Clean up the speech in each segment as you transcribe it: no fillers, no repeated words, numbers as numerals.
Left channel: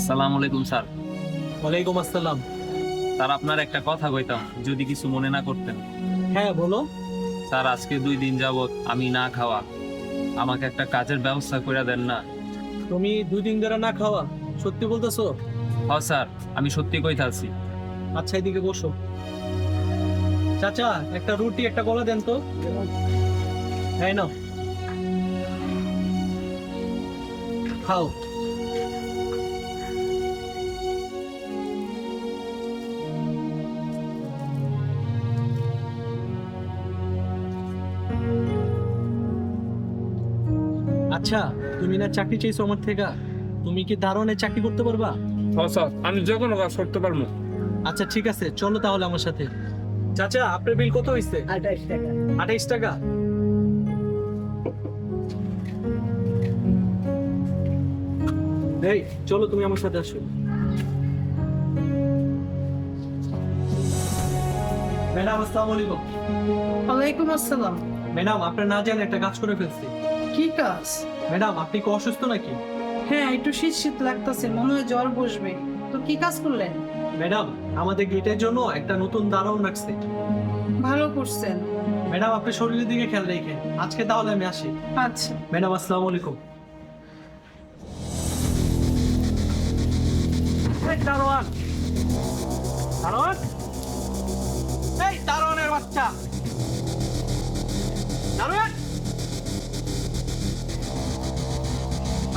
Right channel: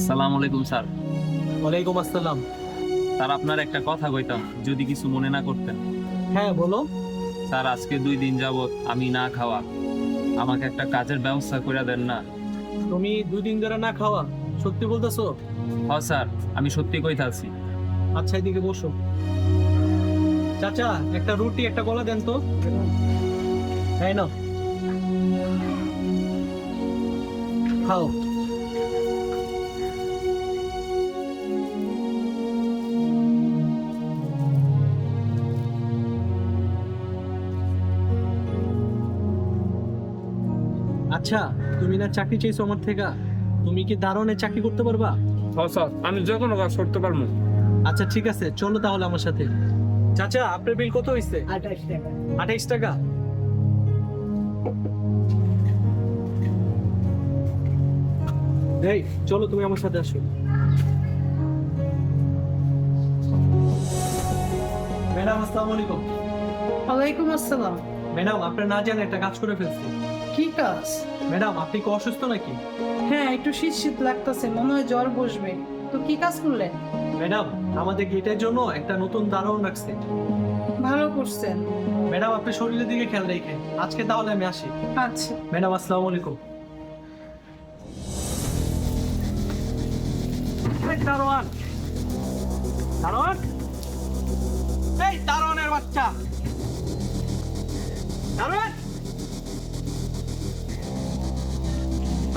আসসালামু আলাইকুম স্যার। ওয়ালাইকুম আসসালাম। স্যার আপনার একটা কথা কইতাম, যদি কিছু মনে না করতেন। হ্যাঁ বলো। স্যার আজকে 2 দিন যাবত আমি না খাওয়া, আমাকে একটা কাজের ব্যবস্থা করে দেন না? তুমি 2 দিন ধরে না খাওয়া? সত্যি বলতেছো? হ স্যার, আমি সত্যি কইতাছি। আচ্ছা এদিকে বসো। চাচা একটা রুটি একটা কলা দেন তো। হ্যাঁ না, খাও। আচ্ছা, তুমি না চাকরি চাইছো আমার থেকে, তুমি কি দারোয়ানের চাকরি করতে পারবা? হ স্যার, আমি যে কোনো কাজ করতে পারবো। আচ্ছা ঠিক আছে, চলো তাহলে আমার সাথে। চাচা আপনার বিল কত হয়েছে? 28 টাকা। 28 টাকা? এই চলো তুমি আমার সাথে আসো। ম্যাডাম আসসালামু আলাইকুম। ওয়ালাইকুম আসসালাম। ম্যাডাম আপনার না জানেন একটা কাজ করে ফেলছি। কি কাজ? ম্যাডাম আপনি কি অসুস্থ নাকি? হ্যাঁ, একটু শীত শীত লাগতেছে, মনে হয় জ্বর বসবে। তো কি কাজ করলেন? ম্যাডাম আমাদের গেটের জন্য একটা নতুন দারোয়ান রাখছে। ভালো করছেন। ম্যাডাম আপনি শরীরের দিকে খেয়াল রেখে আজকে তাহলে আমি আসি। আচ্ছা। ম্যাডাম আসসালামু আলাইকুম। এই দারোয়ান, দারোয়ান, এই দারোয়ানের বাচ্চা, দারোয়ান।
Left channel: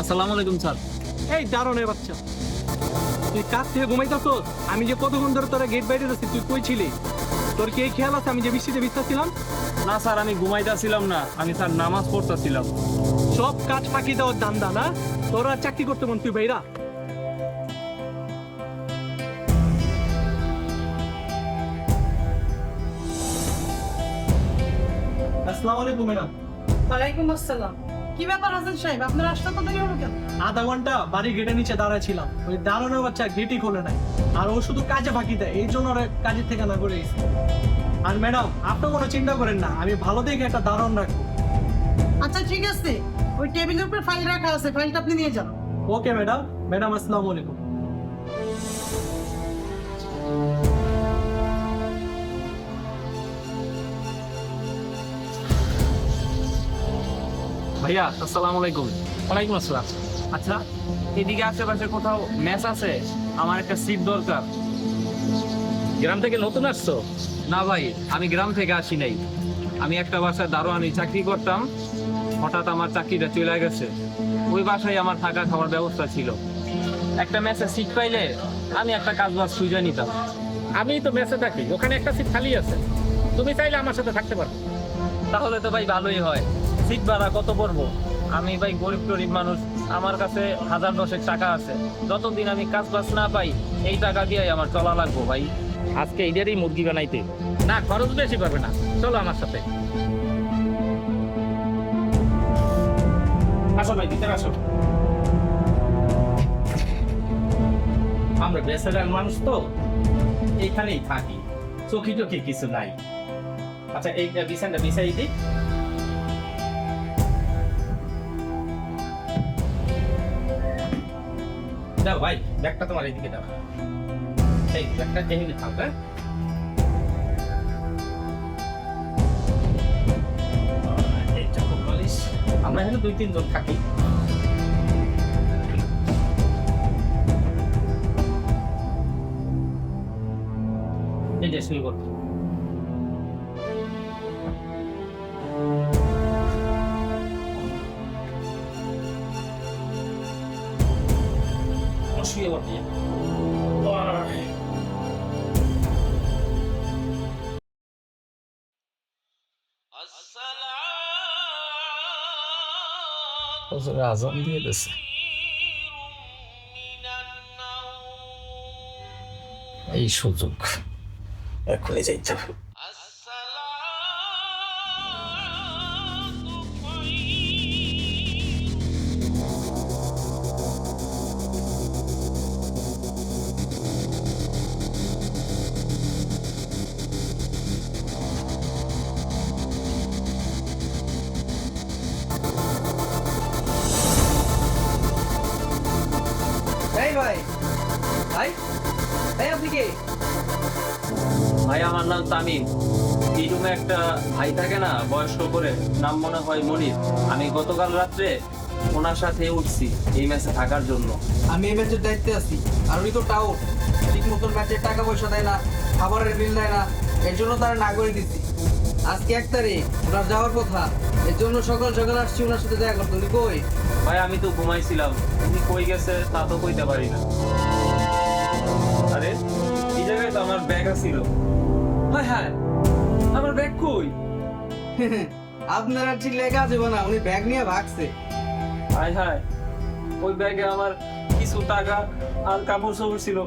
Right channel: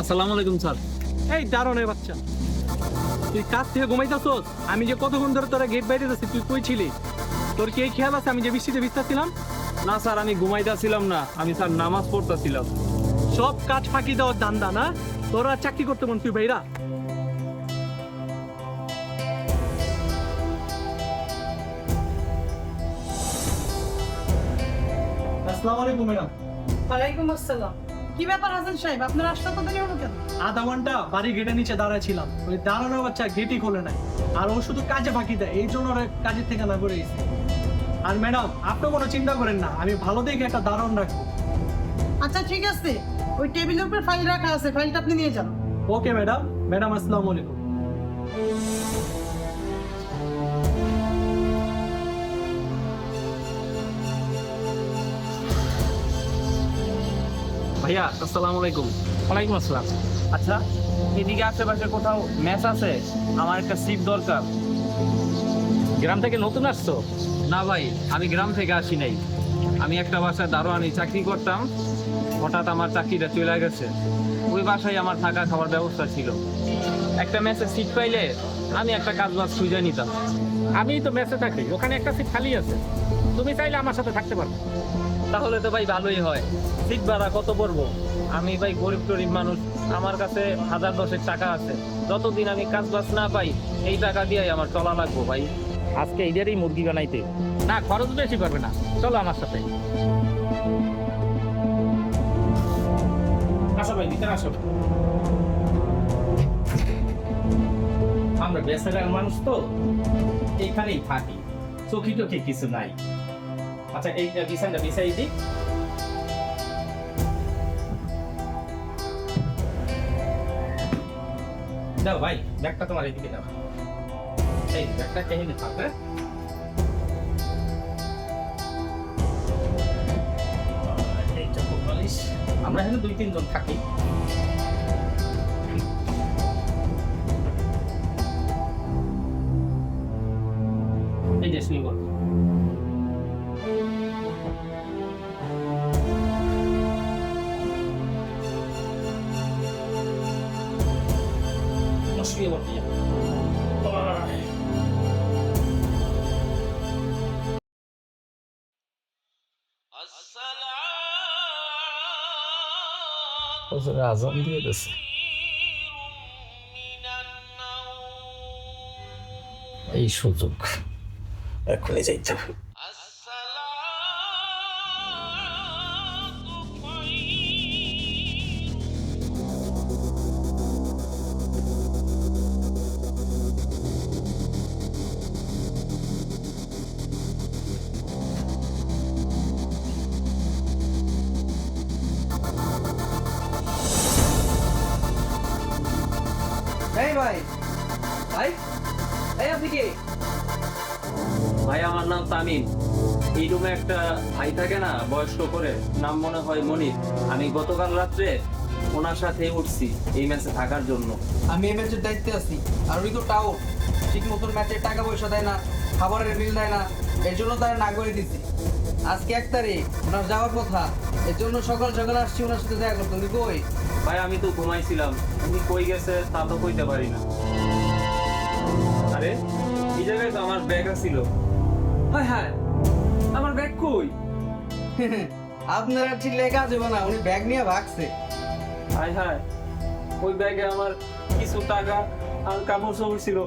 আসসালামু আলাইকুম স্যার। এই দারোয়ানের বাচ্চা, তুই কাজ থেকে ঘুমাইতেছস? আমি যে কতক্ষণ ধরে তোরা গেট বাইরে যাচ্ছি, তুই কই ছিলি? তোর কি এই খেয়াল আছে আমি যে বৃষ্টিতে ভিজতেছিলাম? না স্যার, আমি ঘুমাইতেছিলাম না, আমি স্যার নামাজ পড়তেছিলাম। সব কাজ ফাঁকি দেওয়ার দান্দা না? তোরা চাকরি করতে মন তুই ভাইরা? আসসালামু আলাইকুম ম্যাডাম। ওয়ালাইকুম আসসালাম। কি ব্যাপার হাসান সাহেব, আপনার আসতে তো দেরি হলো কেন? আধা ঘন্টা বাড়ি গেটের নিচে দাঁড়ায় ছিলাম, ওই দাঁড়ানোর বাচ্চা গেটই খোলে নাই। আর ও শুধু কাজে ফাঁকি দেয়, এই জন্য ওরা কাজের থেকে না করে গেছে। আর ম্যাডাম আপনি কোনো চিন্তা করেন না, আমি ভালো দেখে একটা দারোয়ান রাখবো। আচ্ছা ঠিক আছে, ওই টেবিলের উপর ফাইল রাখা আছে, ফাইলটা আপনি নিয়ে যান। Okay madam. ম্যাডাম আসসালামু আলাইকুম। ভাইয়া আসসালামু আলাইকুম। ওয়ালাইকুম আসসালাম। আচ্ছা, এদিকে আশেপাশে কোথাও ম্যাচ আছে? আমার একটা সিট দরকার। গ্রাম থেকে নতুন আসছো? না ভাই, আমি গ্রাম থেকে আসি নাই। আমি একটা বাসায় দারোয়ানি চাকরি করতাম, হঠাৎ আমার চাকরিটা চলে গেছে। ওই বাসায় আমার থাকা খাওয়ার ব্যবস্থা ছিল। একটা ম্যাচের সিট পাইলে আমি একটা কাজ বাজ খুঁজে নিতাম। আমি তো মেসে থাকি, ওখানে একটা সিট খালি আছে, তুমি চাইলে আমার সাথে থাকতে পারবে। তাহলে তো ভাই ভালোই হয়। সিট ভাড়া কত পড়বো? আমি ভাই গরিব টরিব মানুষ, আমার কাছে 1000-10 টাকা আছে। যতদিন আমি কাজ বাজ না পাই, এই টাকা দিয়ে আমার চলা লাগবো ভাই। আজকে এদেরই মুরগি বানাইতে না, খরচ বেশি পারবে না, চলো আমার সাথে। আসো ভাই, ভিতরে আসো। আমরা বেসারাল মানুষ তো, এইখানেই থাকি, চোখি টোখি কিছু নাই। আচ্ছা এই বিছানটা বিছাই দিই। দাও ভাই, ব্যাগটা তোমার এইদিকে দাও। এই ব্যাগটা এখানে থাক। হ্যাঁ, এই চকো বালিশ। আমরা এখানে 2-3 জন থাকি। এই যে শুরু করো। শুয়ে পড়বি। আজান দিয়ে দিছে, এই সুযোগ এখনই যাইতে হবে। এই ভাই ভাই এই আপনি কে? ভাই আমার নাম তামিম। এই রুমে একটা ভাই থাকে না, বয়স্ক করে, নাম মনে হয় মনির। আমি গতকাল রাত্রে ওনার সাথে উঠছি এই ম্যাচে থাকার জন্য। আমি এই ম্যাচের দায়িত্বে আছি, আর উনি তো টাউট, ঠিক মতন ম্যাচের টাকা পয়সা দেয় না, খাবারের বিল দেয় না, এর জন্য তারা না করে দিছি। আজকে 1 তারিখ, ওনার যাওয়ার কথা, এর জন্য সকাল সকাল আসছি ওনার সাথে দেখা করতে। উনি কই? ভাই আমি তো ঘুমাইছিলাম, উনি কই গেছে তা তো কইতে পারি না। আরে এই জায়গায় তো আমার ব্যাগ আছিল। হায় হায়, আমার ব্যাগ কই? আপনারা ঠিক লেখা যাবে না, উনি ব্যাগ নিয়ে ভাগছে। হায় হায়, ওই ব্যাগে আমার কিছু টাকা আর কাপড় চোপড় ছিল।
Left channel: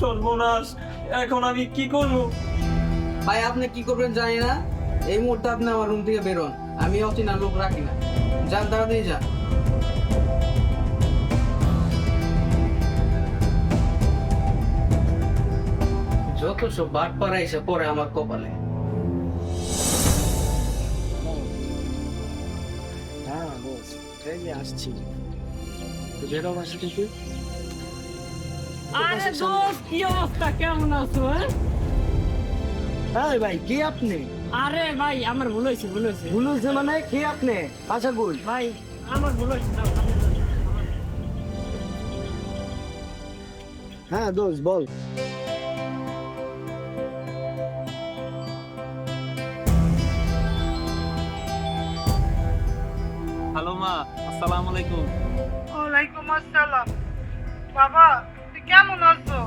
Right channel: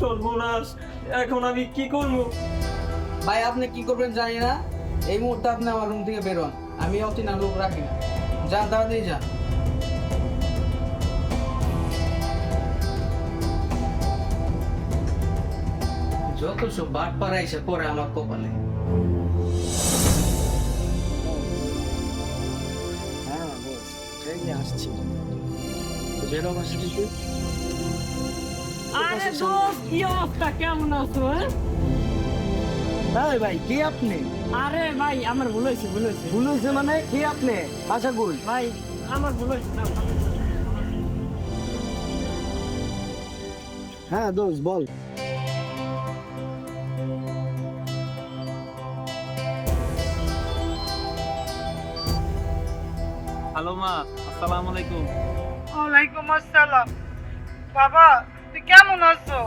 সর্বনাশ, এখন আমি কি করব? ভাই আপনি কি করবেন জানি না, এই মুহূর্তে আপনি আমার রুম থেকে বেরোন। আমি অচেনা লোক রাখি না, যান তাড়াতাড়ি যান। যত সব বাট পাড়া এসে পরে আমার কপালে। হ্যাঁ বস, এই আসছি। বেরো বাসা থেকে। আরে দোস্ত, কি অবস্থা, কেমন আছো? এই ভাই কে আপনি? আরে ভাই আমার ভুল হয়েছে। ভুল হয়েছে মানে কে আপনি? বাসা কই? ভাই আমার ভুল হয়েছে। হ্যাঁ দোস্ত বল। হ্যালো মা, আসসালামু আলাইকুম। ওয়ালাইকুম আসসালাম। বাবা তুই কেমন আছো?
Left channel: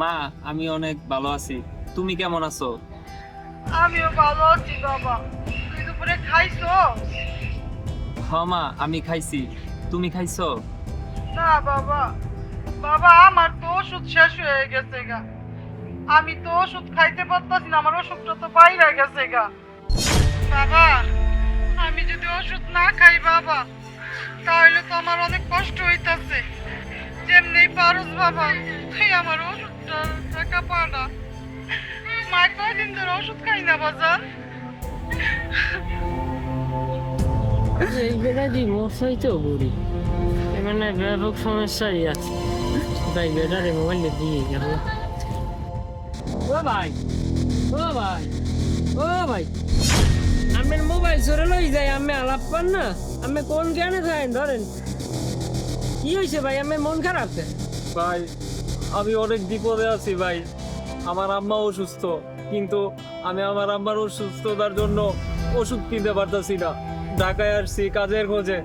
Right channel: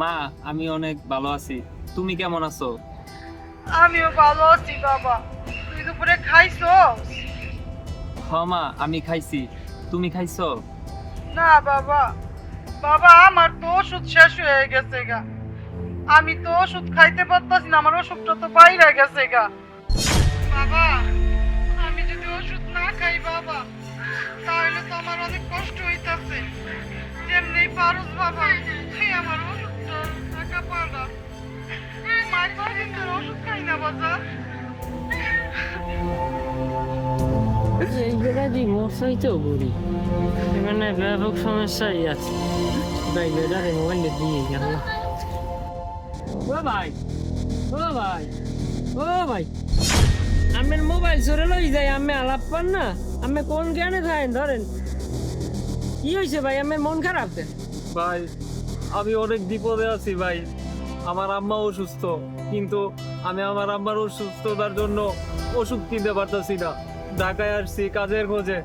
মা আমি অনেক ভালো আছি, তুমি কেমন আছো? আমিও ভালো আছি বাবা। তুই দুপুরে খাইছো? হ মা, আমি খাইছি, তুমি খাইছো? না বাবা, বাবা আমার তো ওষুধ শেষ হয়ে গেছে গা। আমি তো ওষুধ খাইতে পারতাছি না, আমার ওষুধটা তো বাইরে গেছে গা। বাবা আমি যদি ওষুধ না খাই বাবা, তাহলে তো আমার অনেক কষ্ট হইতাছে। যেমনি পারস বাবা, তুই আমার ওষুধটা একা পাড়া। মা কয়দিন ধরে ওষুধ খাই না বাজার। এই বেড়াদি মশাই তো গড়ি, এখানে ব্যাপক সমস্যাই আছে। তাই বেড়ারে মোবাইলে দিয়ে গেল। ও ভাই, আমার মোবাইল চোরে লই যায়, আমি আলাপ পান না, আমি কোন জ্ঞানে থাকেন ধরেন। কি হয়েছে ভাই, আমার মন খারাপ কে? ভাই আমি অনেক বিপদে আছি ভাই। আমার আম্মা অসুস্থ, কিন্তু আমি আমার আম্মার অসুস্থতার জন্য ওষুধ কিনতে পারতাছি না। ঢাকায় আসছি কাজের খোঁজে,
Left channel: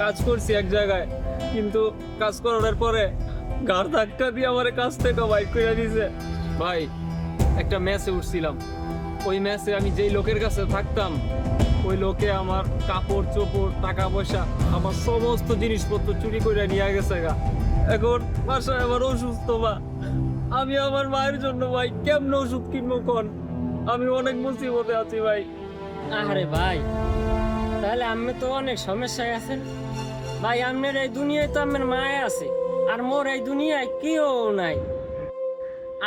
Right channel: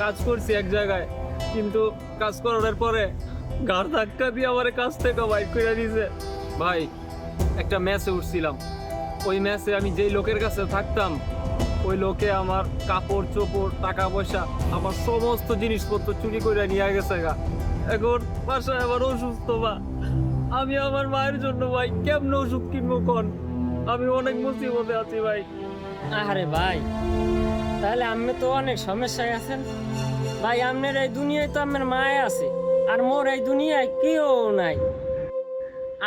কাজ করছি এক জায়গায়, কিন্তু কাজ করার পরে ঘাড় ধাক্কা দিয়ে আমার কাছ থেকে বাইক করে দিয়েছে। ভাই একটা ম্যাচে উঠছিলাম, ওই ম্যাচে আমি যেই লোকের কাছে থাকতাম, ওই লোকে আমার কাপড় চোপড় টাকা পয়সা আমার সমস্ত জিনিসপত্র চুরি করে নিয়ে গেছে গা। এখন বাসায় আমার অসুস্থ মা, আমি আমার মায়ের জন্য ভাই কেমনে ওষুধ কিনবো কোন? আমি অনেক মুসিবতে আছি ভাই। আরে ভাই, তাহলে আমি তো অনেক সমস্যায় আছেন ভাই। আপনার এই দুনিয়ায় তো আমার মায় আছে, আর মোর এই দুনিয়ায় কেউ নাই।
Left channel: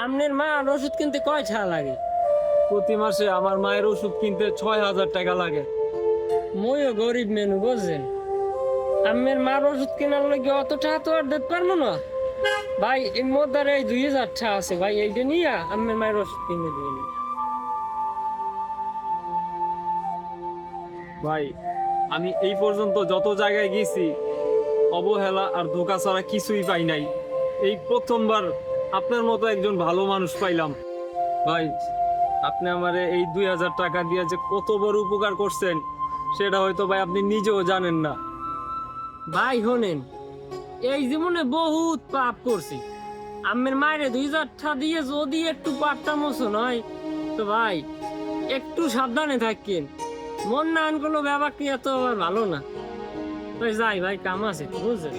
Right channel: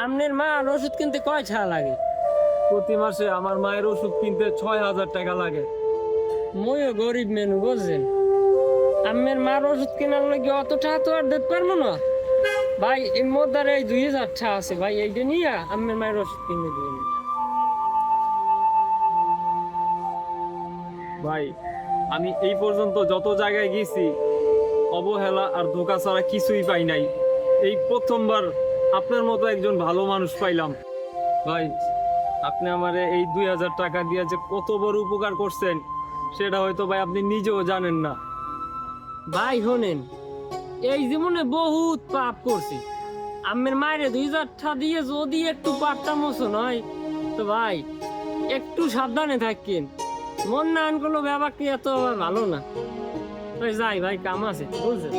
আপনার মা আর ওষুধ কিনতে কয় টাকা লাগে? প্রতি মাসে আমার মায়ের ওষুধ কিনতে 6,000 টাকা লাগে। মইও গরিব মেনু বুঝছেন, আমার মার ওষুধ কেনার লাগে অত টাকা তো আর দিতে পারবো না ভাই। এর মধ্যে এই 2,000 টাকা আছে ভাই, এইটা নিয়ে আমার মায়ের ওষুধ কিনে দিন ভাই আমি এই পর্যন্ত যত জায়গায় গেছি অবহেলা আর ধোঁকা ছাড়া কিছুই পাই নাই। এই প্রথমবার আপনার মতো একজন ভালো মানুষ পাইলাম ভাই। আপনি আমারে এই 2,000 টাকা দিয়ে যে কত বড় উপকার করছেন সেটা হয়তো ভাই আপনি নিজেও জানেন না। ভাই। শোনেন, এই জীবনে বহুত পাপ করছি, আমার মায়ের 2,000 টাকা দিয়ে যদি একটু পাপটা মোচন হয় তো ভাই একটু সাবধানে থাকেন। মন না আন কোনো ব্যাপার কি এত আবার ভালো না। তো যাই ভাই, কাম আছে বুঝছেন।